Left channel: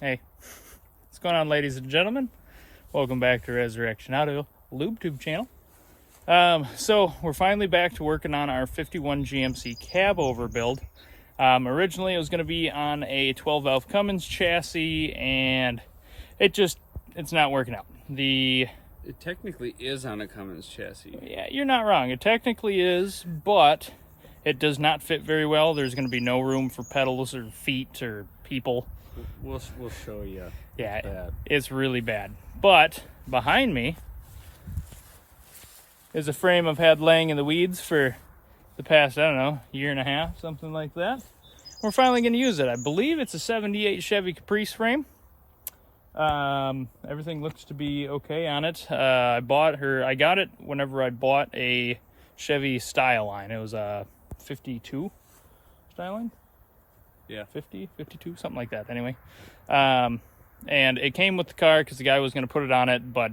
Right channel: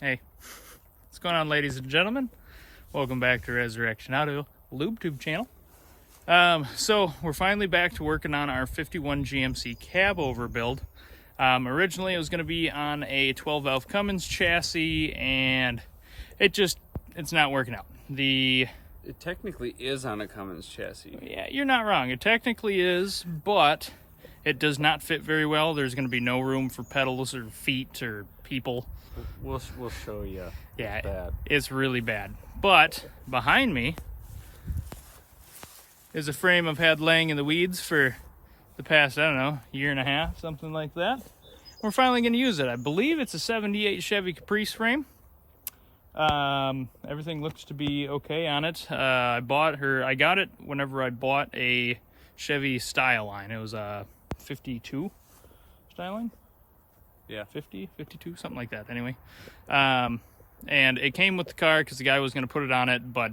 Hey, what's going on, ladies and gentlemen? Welcome back to Resurrection Auto LubeTube channel. So we're finally back to working on our 51 GMC cab over build. Originally it was going to be on a 12 valve Cummins chassis, and it's not working out. It technically is on a Cummins chassis. Yeah, you're not wrong. It technically is, but it does not fit very well. There's going to be no room for pedals or feet or people. We'll show you. Yeah, bad. It's really bad. But behind me is a frame I've had laying in the weeds for the past, I don't know, year and a half, something like that. We're finally going to use it. I believe it's a 78 Chevy Caprice frame. Everything looks to be okay on it. I got it whenever I bought a Chevy Styline. It was a 52 Styline. Yeah, 50, 52, something like that. Anyway, and it came with the car because the guy was going to put it on it, but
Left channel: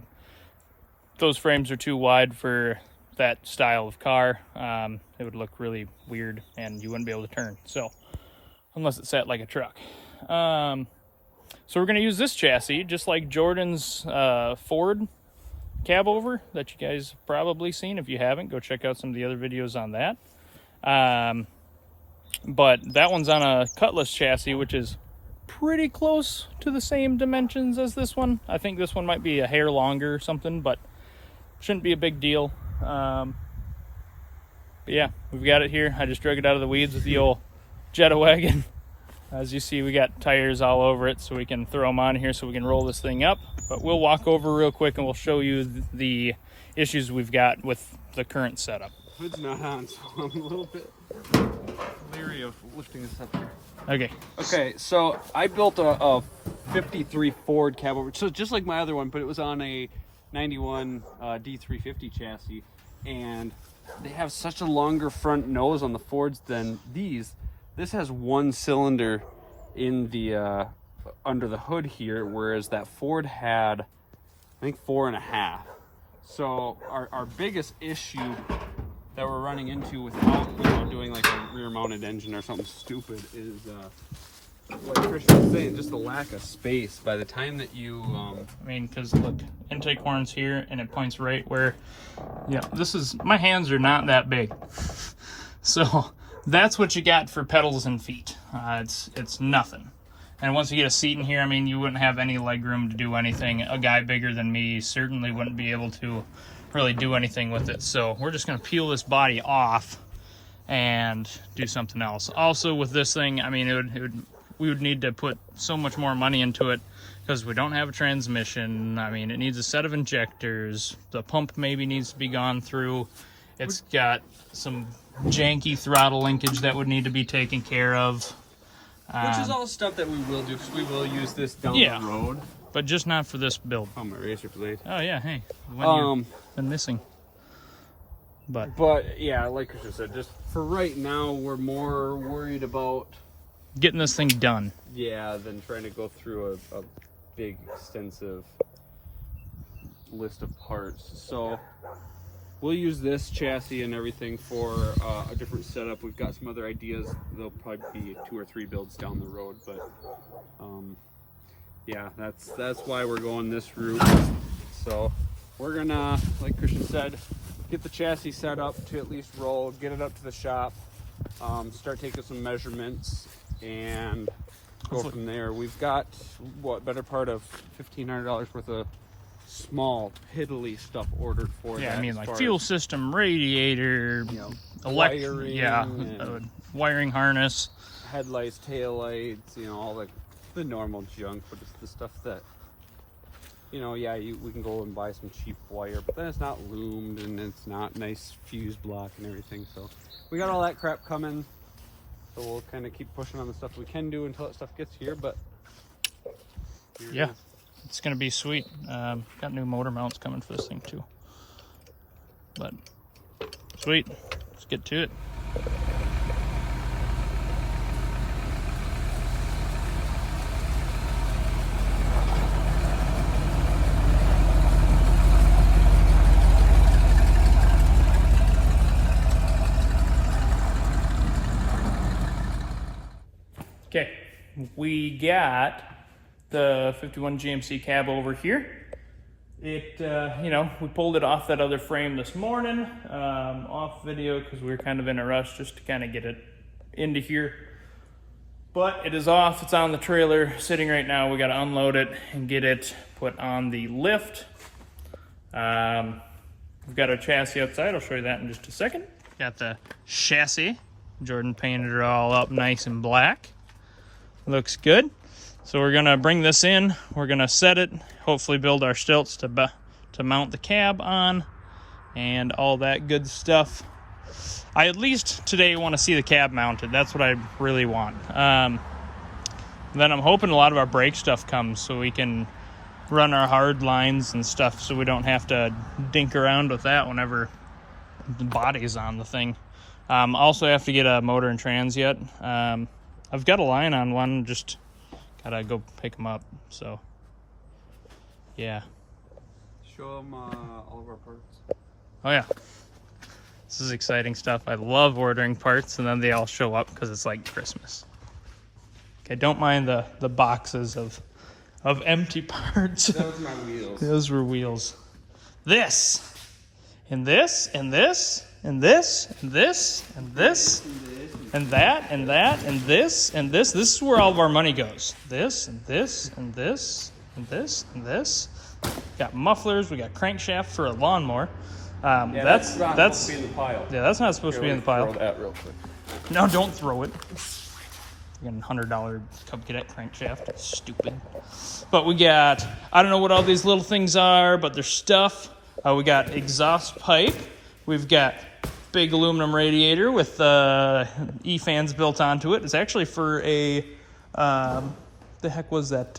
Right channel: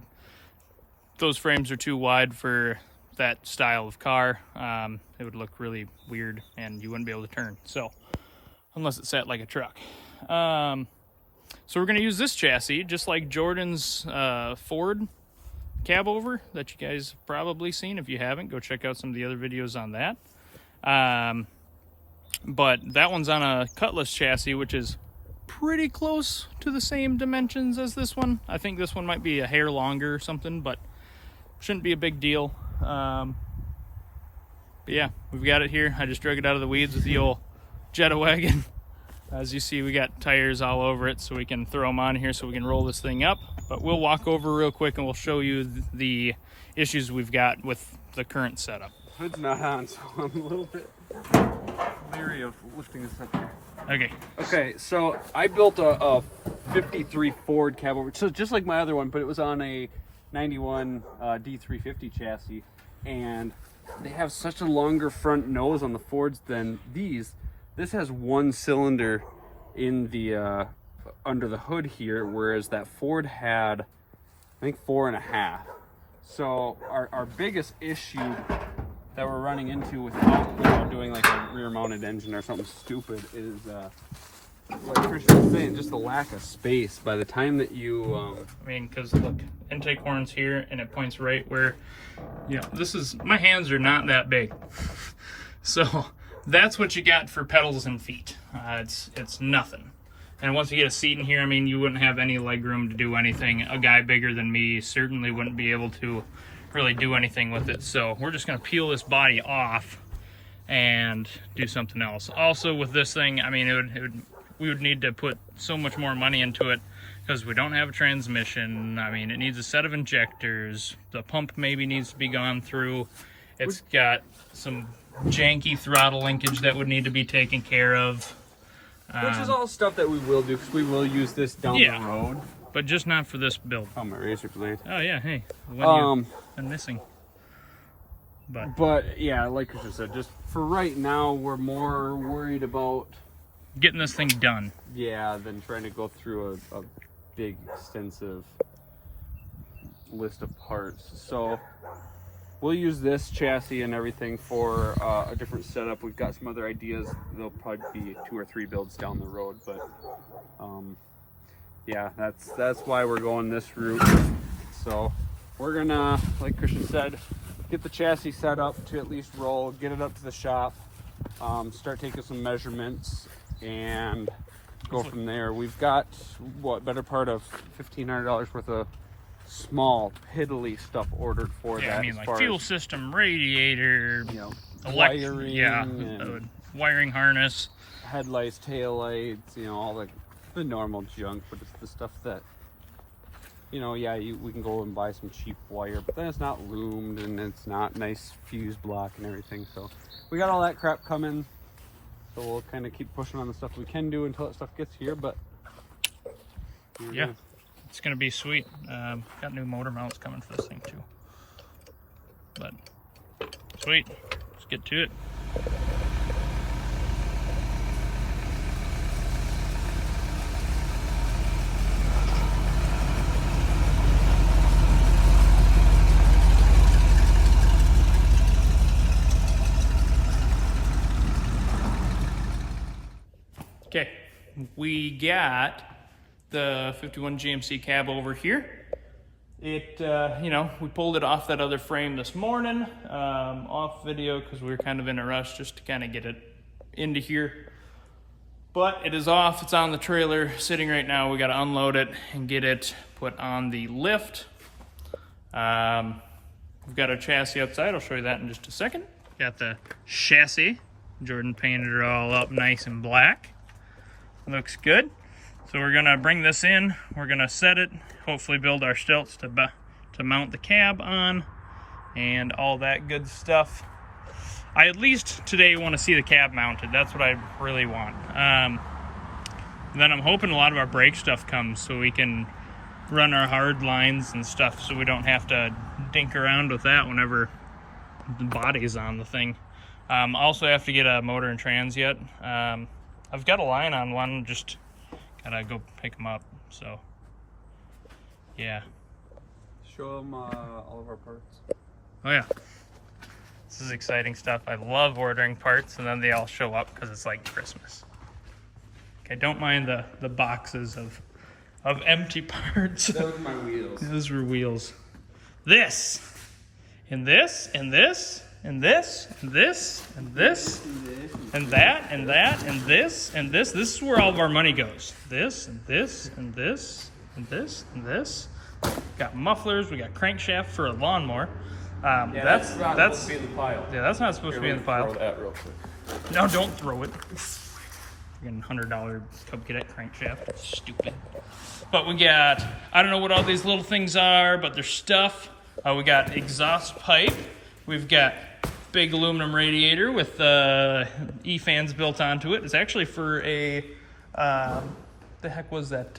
those frames are too wide for that style of car. It would look really weird, and you wouldn't be able to turn. So, unless it sat like a truck. So we're going to use this chassis, just like Jordan's Ford cab over that you guys have probably seen. If you haven't, go check out some of the other videos on that. But that one's on a Cutlass chassis, which is pretty close to the same dimensions as this one. I think this one might be a hair longer or something, but shouldn't be a big deal. But yeah, we've got it here. I just drug it out of the weeds with the old Jetta wagon. As you see, we got tires all over it, so we can throw them on here so we can roll this thing up. But we'll walk over real quick and we'll show you the issues we've got with the current setup. Hood's not on, so I'm a little bit leery of lifting this up here. Okay, so I built a 53 Ford cab over, so just like my other one, but it was on a 91 D350 chassis, and they have such a longer front nose on the Fords than these. This has one cylinder in the under the hood here, whereas that Ford had, I think, 4.5. So our biggest issue that we're running into without doing like a rear-mounted engine or something stupid is what Christian was saying, just the lack of space. By the time that you I mean, because look, intake horn's here and it points right where, yeah, my hands are not that big. So that's what you got for pedals and feet. It's nothing. And once you get a seat in here, I mean, you wouldn't have any leg room to do anything. A guy bigger than me certainly wouldn't be able to really do anything with it. So we're just going to peel this body off and do something else. Also with this thing, I mean, we would need to put so much more money into it because we don't have a transmission. I mean, it needs a set of injectors. The pump maybe needs to be gone through. It's got some janky throttle linkage that would need to be taken care of. Which is all stuff that we will do, because we will use this down the road. But just not for this build. Oh, my razor blade. Oh yeah, hey, you've been missing. But yeah, like you said, just for right now, we're more worried about getting this thing done. Yeah, than trying to go through a big, extensive list of parts. So we'll use this chassis and everything for a different setup. We've got some other ideas. There'll probably be 2 or 3 builds down the road, but yeah, that's why we're going this route. So we're gonna, like Christian said, get the chassis set up to at least roll, get it up to the shop, start taking some measurements, and go from there. We've got, better part of $1,500 worth of small piddly stuff ordered for that. I mean, like fuel system, radiator, wiring harness, headlights, taillights, all the normal junk, but it's the stuff that, we can go and buy some cheap wire, but then it's not loomed and it's not nice fuse block and everything. So we got all that crap coming. So we'll kind of keep pushing on the stuff we can do until that stuff gets here, but yeah. It's going to be sweet. Got new motor mounts coming for this thing too. But sweet. Let's get to it. Okay, we got the 51 GMC cab over here. It, you know, we pulled it off that other frame this morning, off video because we were kind of in a rush just to kind of get it into here. But it is off, it's on the trailer, sitting right now. We got to unload it and get it put on the lift. We've got our chassis outside, I'll show you that in just a second. Got the chassis. Jordan painted it all up nice and black. Looks good. So we're gonna bring this in, we're gonna set it, hopefully build our stilts to mount the cab on, and all that good stuff. I at least today want to see the cab mounted. That's what I really want. Then I'm hoping a lot of our brake stuff comes so we can run our hard lines and stuff so we don't have to dink around with that whenever the body's on the thing. Also have to get a motor and trans yet. I've got a line on one, just gotta go pick them up. So yeah. Show them all of our parts. Oh yeah. This is exciting stuff. I love ordering parts and then they all show up because it's like Christmas. Okay, don't mind the boxes of empty parts. Those were my wheels. Those were wheels. This, and this, and this, and this, and this, and this, and that, and that, and this, and this. This is where all of our money goes. This, and this, and this, and this, and this. Got mufflers, we got crankshaft for a lawnmower. Yeah, that's not supposed to be in the pile. Yeah, that's not supposed to be in the pile. Throw that real quick. No, don't throw it. Again, $100 Cub Cadet crankshaft. Stupid. But we got, I don't know what all these little things are, but they're stuff. We got exhaust pipe. We've got big aluminum radiator with E-fans built onto it. It's actually for a, the heck was that,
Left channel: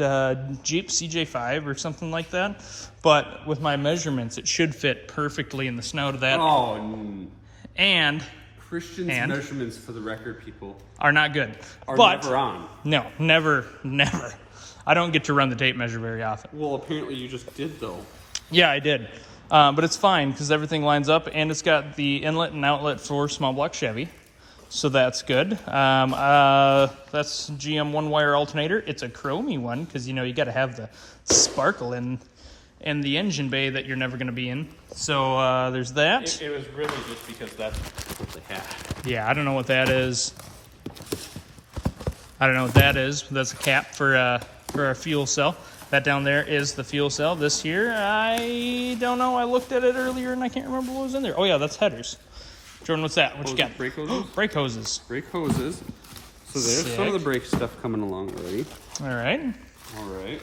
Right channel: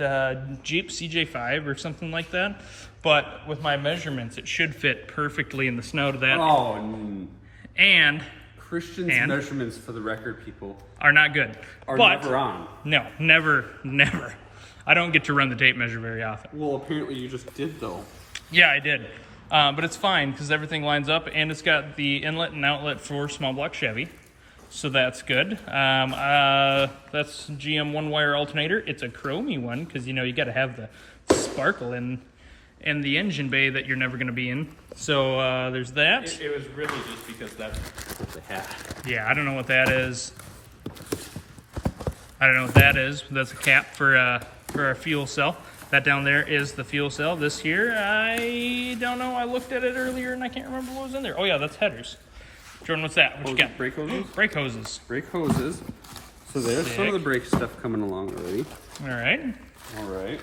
Jeep CJ5 or something like that. But with my measurements, it should fit perfectly in the snout of that. Oh, and Christian's measurements, for the record, people, are not good. Are but never on. No, never. I don't get to run the tape measure very often. Well, apparently you just did, though. Yeah, I did. But it's fine because everything lines up and it's got the inlet and outlet for small block Chevy. So that's good. That's GM one-wire alternator. It's a chromey one because, you know, you got to have the sparkle in the engine bay that you're never going to be in. So there's that. It was really just because that's what they had. Yeah, I don't know what that is. I don't know what that is. That's a cap for our fuel cell. That down there is the fuel cell. This here, I don't know. I looked at it earlier and I can't remember what was in there. Oh yeah, that's headers. Jordan, what's that? What you got? Brake hoses? Brake hoses. Brake hoses. So there's some of the brake stuff coming along already. All right. All right.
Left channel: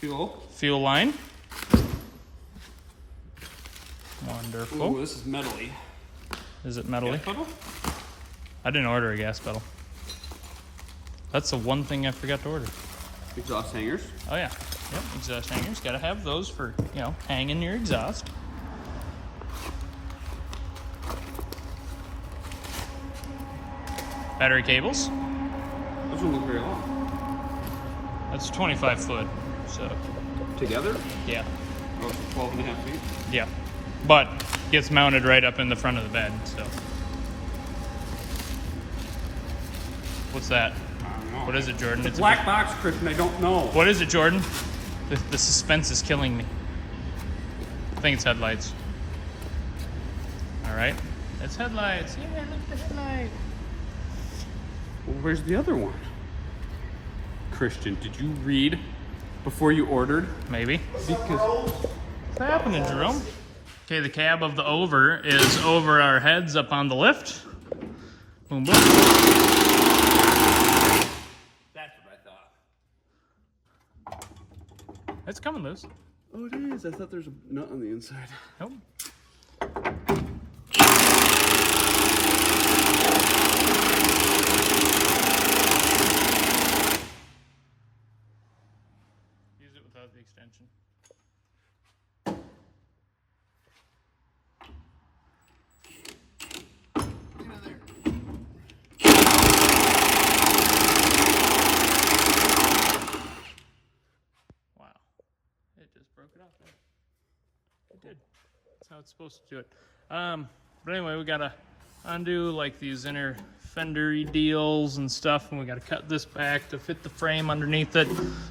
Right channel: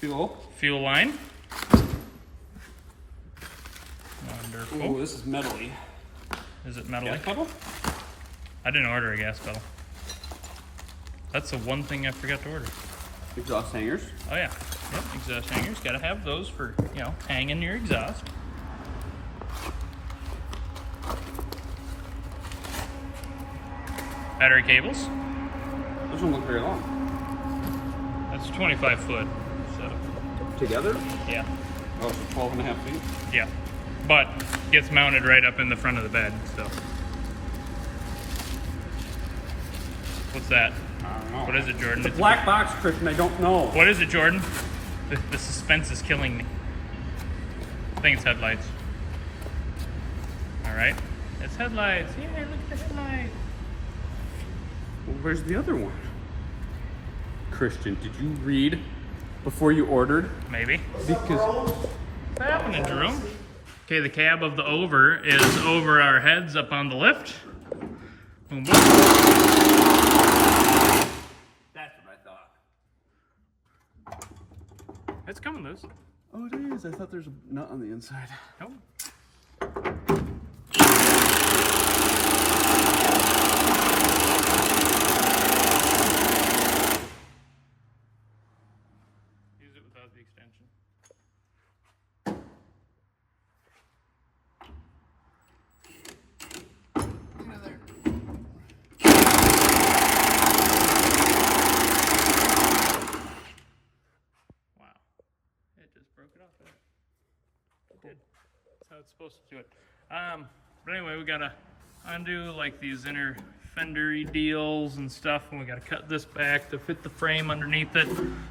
Fuel line. Wonderful. Oh, this is metally. Is it metally? Gas pedal? I didn't order a gas pedal. That's the one thing I forgot to order. Exhaust hangers. Oh yeah. Yep, exhaust hangers. Gotta have those for, you know, hanging your exhaust. Battery cables. Those don't look very long. That's 25 foot. So Together? yeah. Oh, so 12 and a half feet? Yeah. But gets mounted right up in the front of the bed, so. What's that? I don't know. What is it, Jordan? It's Black box, Christian, I don't know. What is it, Jordan? The suspense is killing me. I think it's headlights. All right. It's headlights. Yeah, look at the headlight. Well, where's the other one? Christian, did you read before you ordered? Maybe. Because What's happening, Jerome? Okay, the cab of the over is over our heads up on the lift. Boom, boom. that's what I thought. It's coming loose. Oh, it is. I thought there's a nut on the inside. Nope. Use it without the extension. Get out of there. Wow. It just broke it off there. It did. That's how it's supposed to do it. But anyway, we gotta undo like these inner fendery deals and stuff, and we got to cut this back to fit the frame underneath it.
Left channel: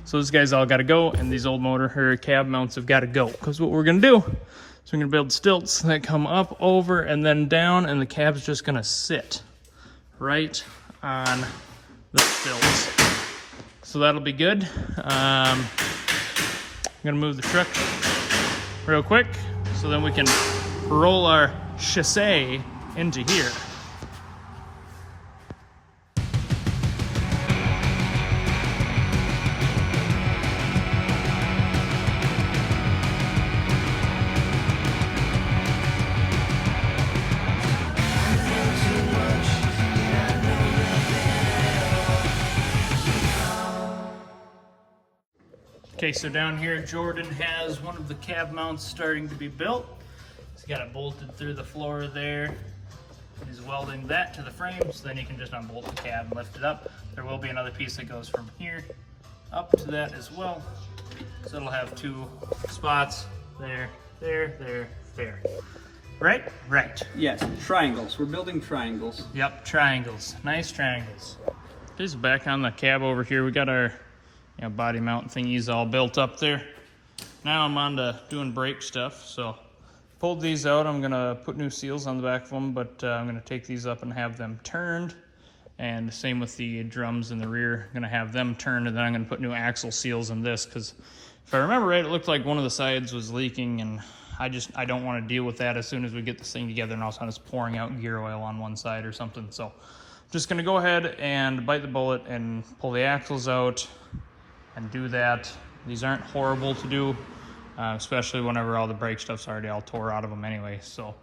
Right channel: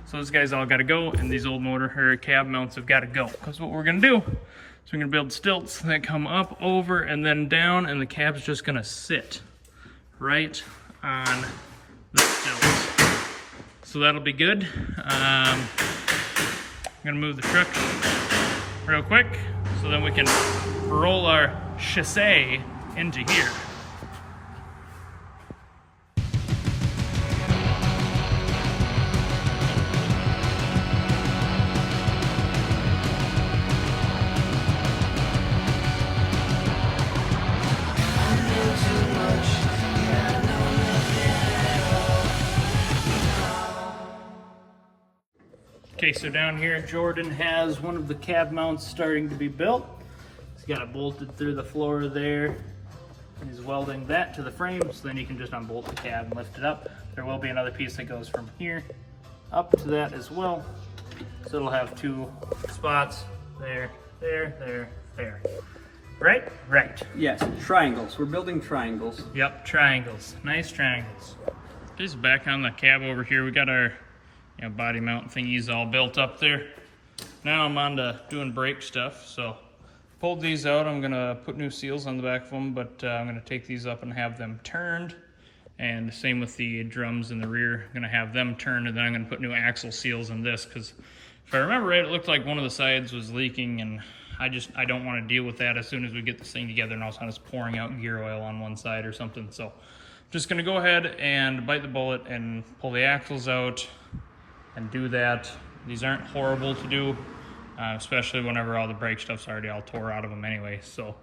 So those guys all got to go, and these old motor or cab mounts have got to go. Because what we're gonna do is we're gonna build stilts that come up, over, and then down, and the cab's just gonna sit right on the stilts. So that'll be good. I'm gonna move the truck real quick so then we can roll our chassis into here. Okay, so down here Jordan has one of the cab mounts starting to be built. He's got it bolted through the floor there, and he's welding that to the frame, so then you can just unbolt the cab and lift it up. There will be another piece that goes from here up to that as well. So it'll have two spots, there, there, there, there. Right? Right. Yes, triangles. We're building triangles. Yep, triangles. Nice triangles. This is back on the cab over here. We got our body mount thingies all built up there. Now I'm on to doing brake stuff. So pulled these out. I'm gonna put new seals on the back of them, but I'm gonna take these up and have them turned. And the same with the drums in the rear. I'm gonna have them turned, and then I'm gonna put new axle seals in this, because if I remember right, it looked like one of the sides was leaking, and I don't want to deal with that as soon as we get this thing together, and all of a sudden it's pouring out gear oil on one side or something. So I'm just gonna go ahead and bite the bullet and pull the axles out and do that. These aren't horrible to do, especially whenever all the brake stuff's already all tore out of them anyway, so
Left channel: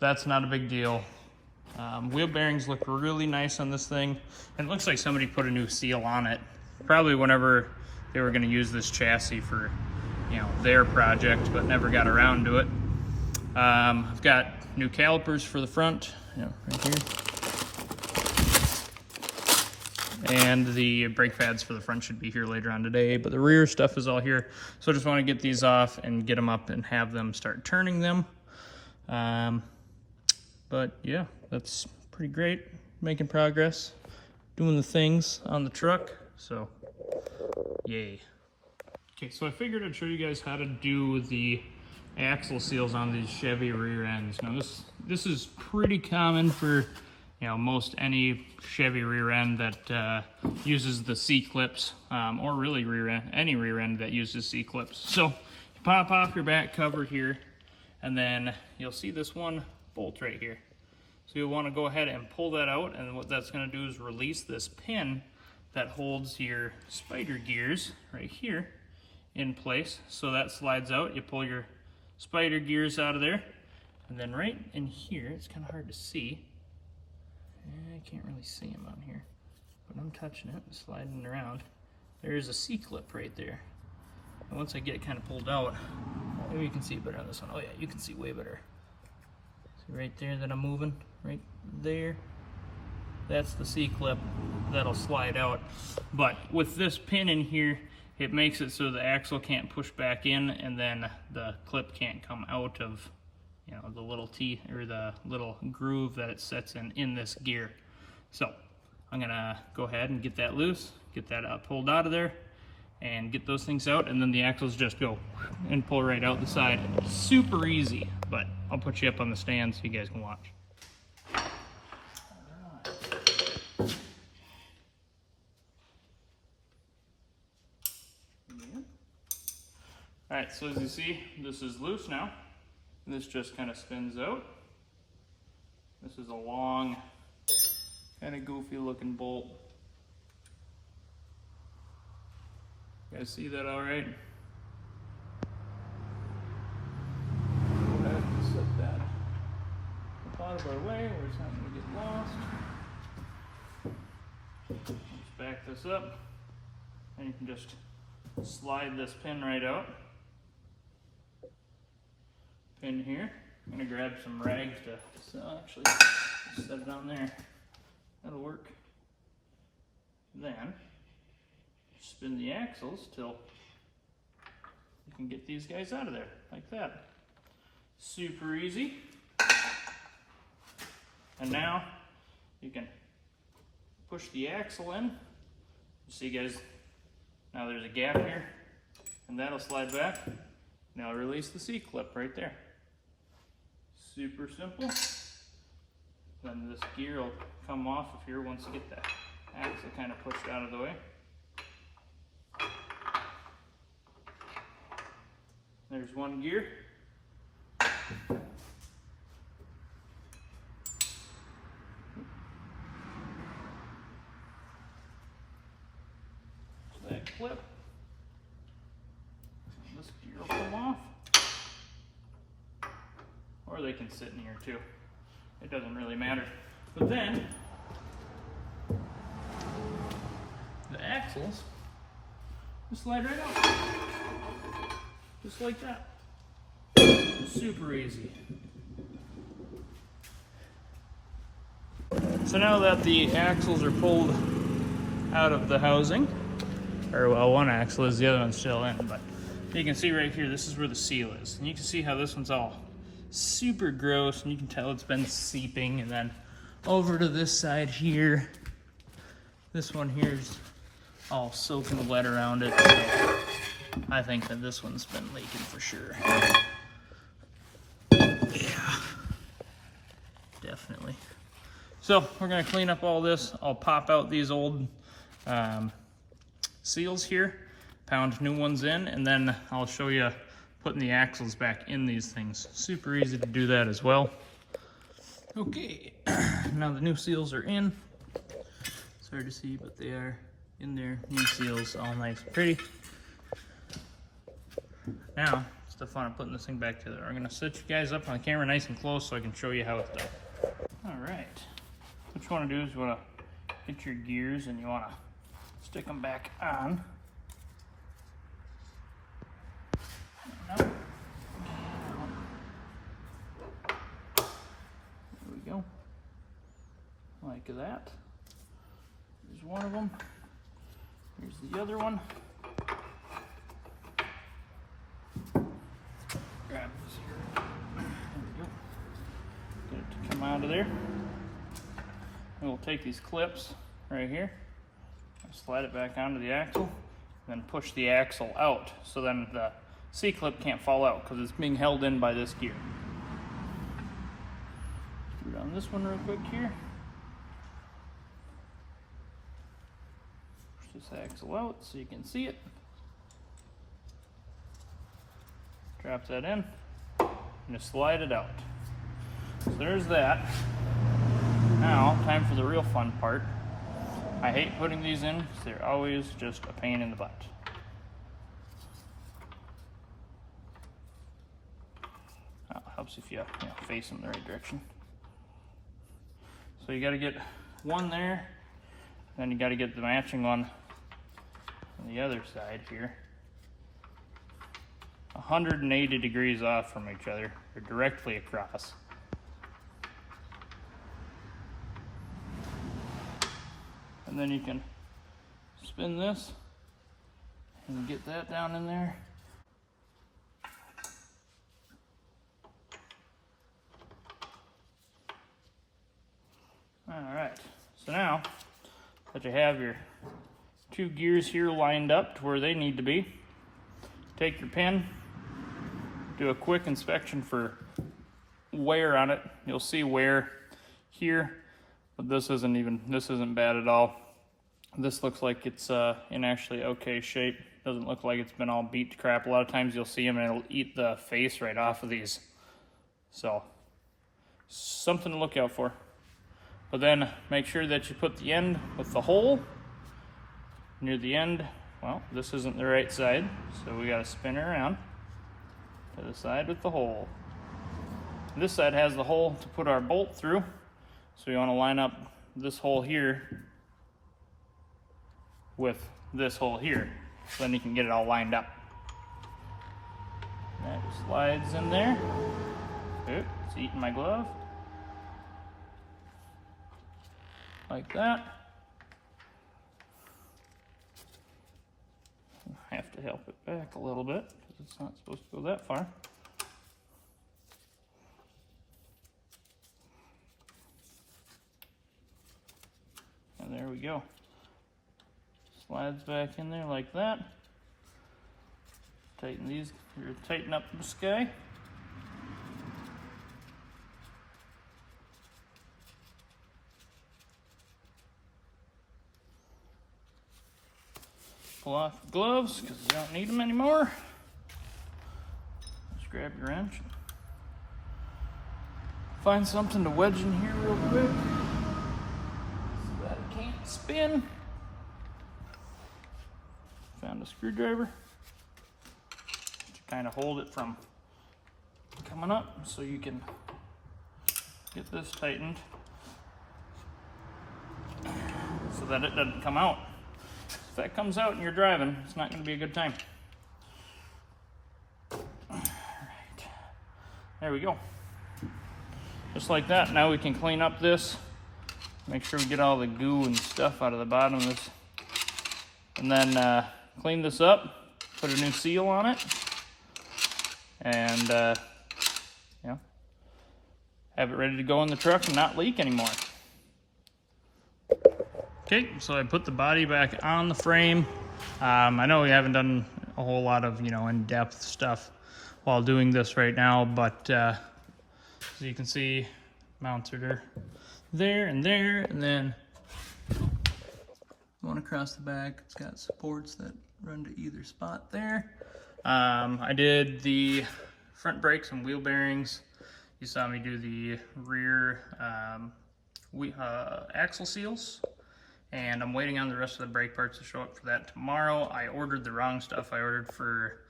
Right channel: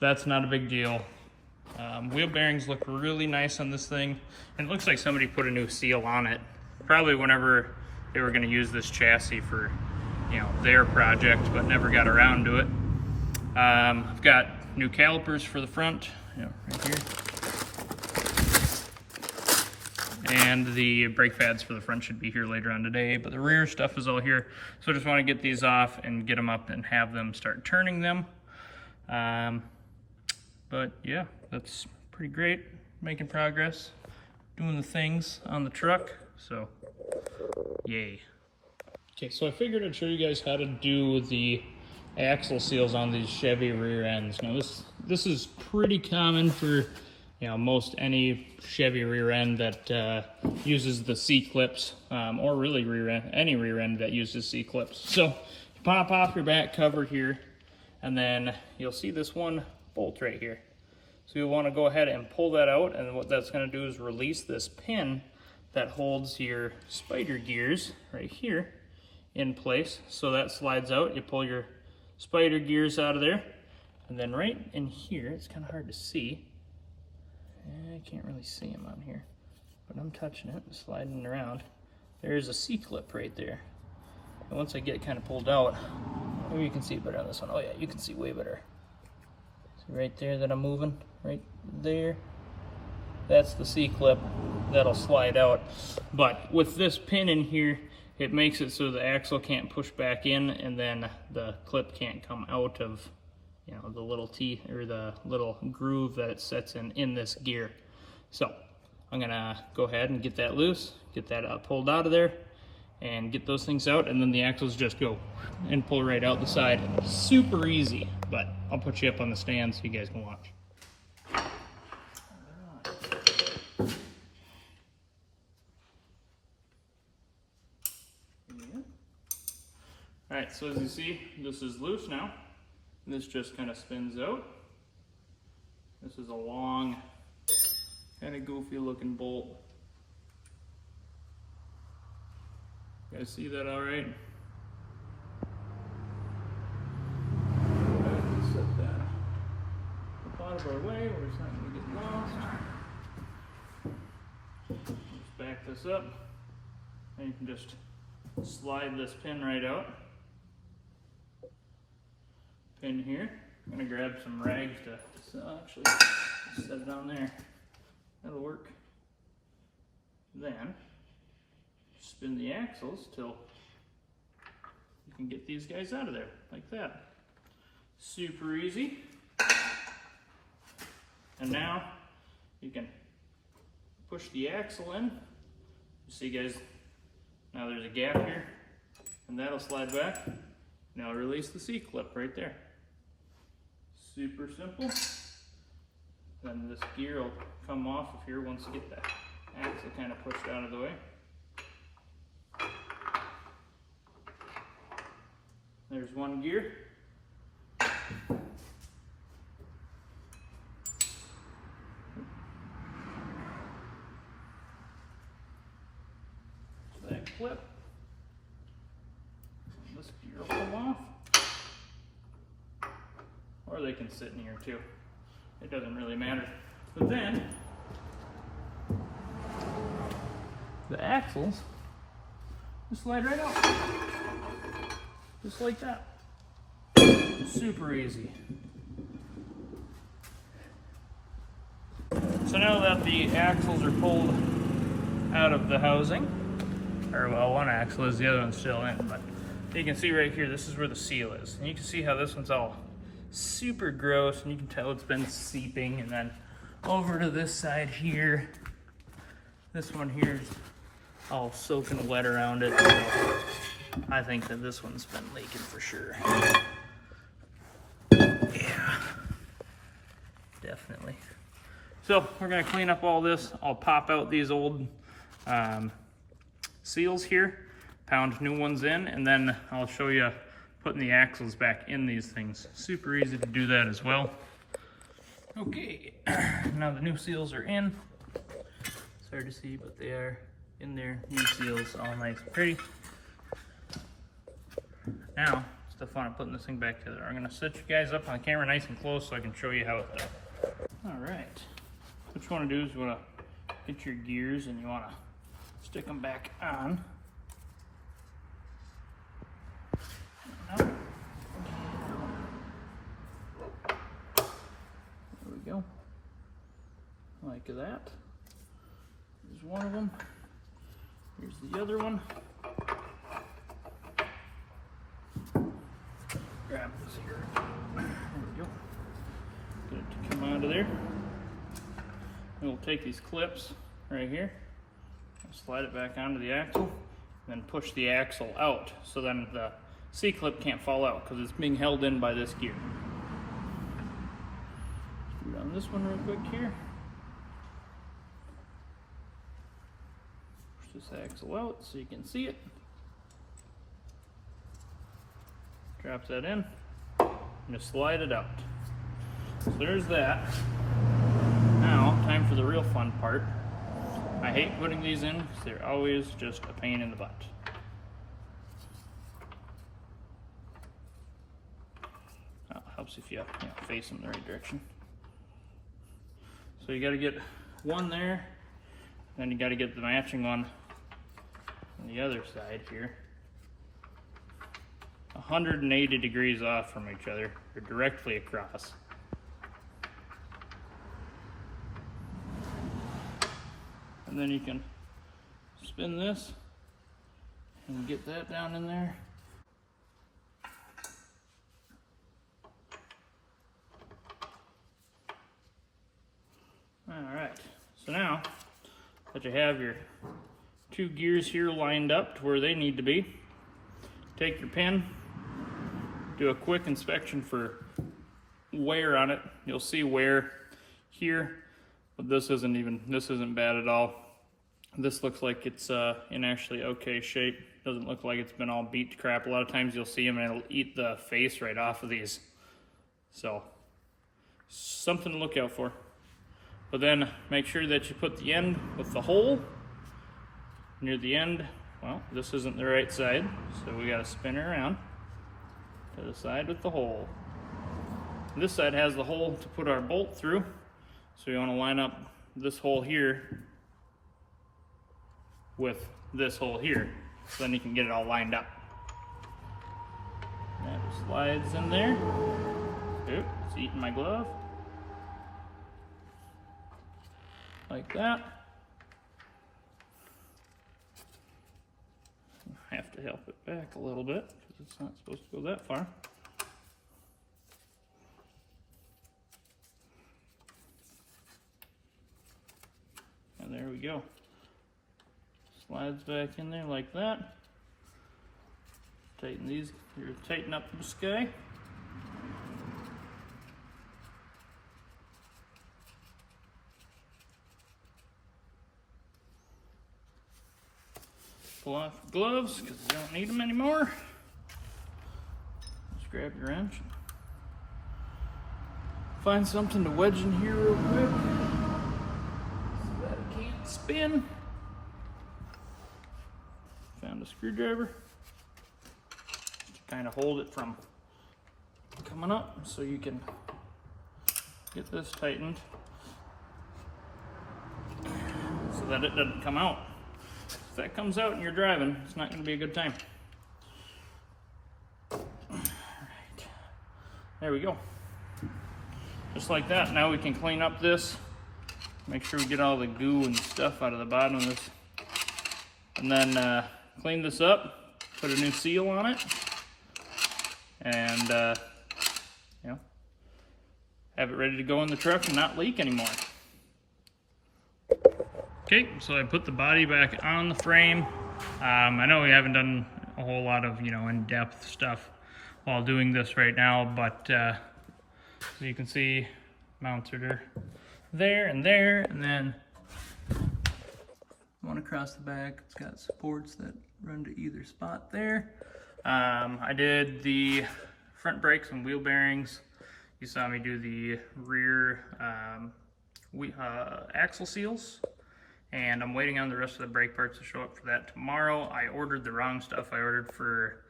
that's not a big deal. Wheel bearings look really nice on this thing, and it looks like somebody put a new seal on it, probably whenever they were going to use this chassis for their project, but never got around to it. I've got new calipers for the front, right here. And the brake pads for the front should be here later on today, but the rear stuff is all here. So I just want to get these off and get them up and have them start turning them. But yeah, that's pretty great. Making progress, doing the things on the truck, so yay. Okay, so I figured I'd show you guys how to do the axle seals on these Chevy rear ends. Now this is pretty common for most any Chevy rear end that uses the C-clips, or really any rear end that uses C-clips. So you pop off your back cover here, and then you'll see this one bolt right here. So you'll want to go ahead and pull that out, and what that's going to do is release this pin that holds your spider gears right here in place. So that slides out, you pull your spider gears out of there, and then right in here, it's kind of hard to see, I can't really see them on here, but I'm touching it and sliding it around. There's a C-clip right there. And once I get it kind of pulled out, maybe you can see it better on this one. Oh yeah, you can see way better. See right there that I'm moving? Right there. That's the C-clip that'll slide out. But with this pin in here, it makes it so the axle can't push back in, and then the clip can't come out of the little T, or the little groove that it sets in this gear. So I'm gonna go ahead and get that loose, get that pulled out of there, and get those things out, and then the axles just go and pull right out the side. Super easy, but I'll put you up on the stand so you guys can watch. All right, so as you see, this is loose now. This just kind of spins out. This is a long, kind of goofy looking bolt. You guys see that all right? Set that up out of our way where it's not going to get lost. Just back this up, and you can just slide this pin right out. Pin here. I'm gonna grab some rags to actually set it on there. That'll work. Then spin the axles till you can get these guys out of there like that. Super easy. And now you can push the axle in. You see guys, now there's a gap here, and that'll slide back. Now release the C-clip right there. Super simple. Then this gear will come off of here once you get that axle kind of pushed out of the way. There's one gear. So that clip, this gear will come off. Or they can sit in here too. It doesn't really matter. But then, the axles just slide right out. Just like that. Super easy. So now that the axles are pulled out of the housing, or well, one axle is, the other one's still in, but you can see right here, this is where the seal is. And you can see how this one's all super gross, and you can tell it's been seeping. And then over to this side here, this one here's all soaking wet around it. I think that this one's been leaking for sure. Yeah, definitely. So we're gonna clean up all this. I'll pop out these old seals here, pound new ones in, and then I'll show you putting the axles back in these things. Super easy to do that as well. Okay, now the new seals are in. It's hard to see, but they are in there. New seals, all nice and pretty. Now, it's the fun of putting this thing back together. I'm gonna set you guys up on the camera nice and close so I can show you how it's done. All right, what you wanna do is you wanna get your gears and you wanna stick them back on. There we go, like that. There's one of them. Here's the other one. Grab this here. There we go. Get it to come out of there. And we'll take these clips right here, slide it back onto the axle, and then push the axle out so then the C-clip can't fall out because it's being held in by this gear. Screw down this one real quick here. Push this axle out so you can see it. Drop that in and just slide it out. So there's that. Now, time for the real fun part. I hate putting these in because they're always just a pain in the butt. Helps if you face them the right direction. So you got to get one there, then you got to get the matching one on the other side here. 180 degrees off from each other. They're directly across. And then you can spin this and get that down in there. Alright, so now that you have your two gears here lined up to where they need to be, take your pin, do a quick inspection for wear on it. You'll see wear here, but this isn't bad at all. This looks like it's in actually okay shape. Doesn't look like it's been all beat to crap. A lot of times you'll see them and it'll eat the face right off of these. So, something to look out for. But then make sure that you put the end with the hole near the end. Well, this isn't the right side, so we gotta spin it around to the side with the hole. This side has the hole to put our bolt through, so you wanna line up this hole here with this hole here, so then you can get it all lined up. That slides in there. Oop, it's eating my glove. Like that. I have to help it back a little bit because it's not supposed to go that far. And There we go. Slides back in there like that. Tighten these, or tighten up this guy. Pull off the gloves because you don't need them anymore. Just grab your wrench. Find something to wedge in here real quick so that it can't spin. Found a screwdriver to kind of hold it from coming up so you can get this tightened so that it doesn't come out. If that comes out and you're driving, it's not going to be a good time. Alright. There we go. Just like that. Now we can clean up this. Make sure we get all the goo and stuff out of the bottom of this. And then clean this up. Put a new seal on it. And yeah, have it ready to go in the truck and not leak anymore. Okay, so I put the body back on the frame. I know we haven't done a whole lot of, in-depth stuff while doing this right now, but as you can see, mounts are there, and then one across the back. It's got supports that run to either spot there. I did the front brakes and wheel bearings. You saw me do the rear axle seals. And I'm waiting on the rest of the brake parts to show up for that tomorrow. I ordered the wrong stuff. I ordered for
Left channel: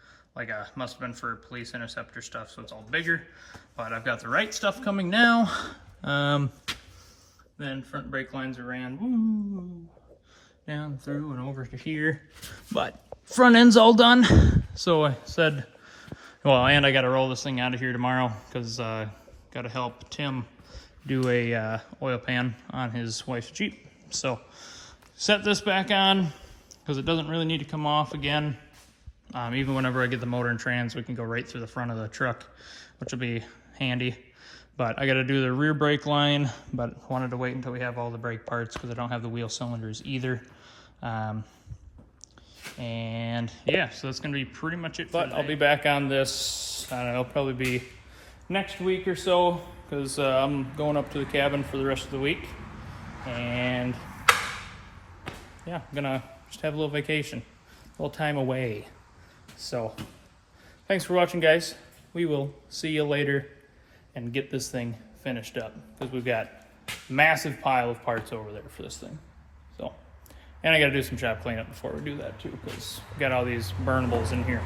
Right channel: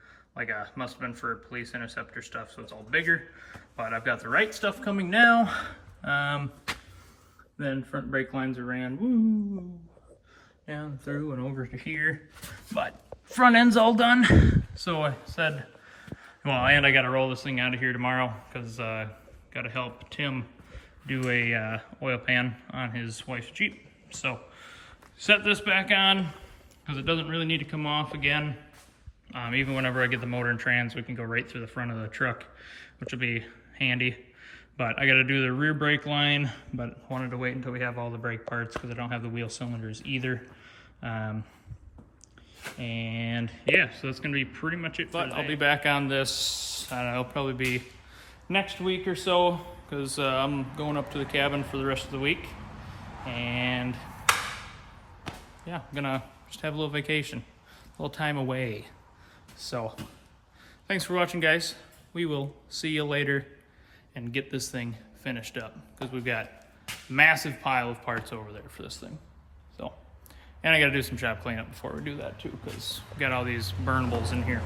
must have been for police interceptor stuff, so it's all bigger. But I've got the right stuff coming now. Then front brake lines are ran down through and over to here. But front end's all done. So I said, well, and I got to roll this thing out of here tomorrow because got to help Tim do a oil pan on his wife's Jeep. So set this back on because it doesn't really need to come off again. Even whenever I get the motor and trans, we can go right through the front of the truck, which will be handy. But I got to do the rear brake line, but wanted to wait until we have all the brake parts because I don't have the wheel cylinders either. And yeah, so that's going to be pretty much it. But I'll be back on this, I don't know, probably be next week or so because I'm going up to the cabin for the rest of the week. And yeah, I'm gonna just have a little vacation, a little time away. So thanks for watching, guys. We will see you later and get this thing finished up because we've got a massive pile of parts over there for this thing. So, and I gotta do some shop cleanup before we do that too because we've got all these burnables in here.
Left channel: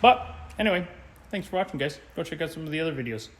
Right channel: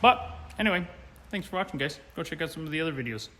But anyway, thanks for watching, guys. Go check out some of the other videos.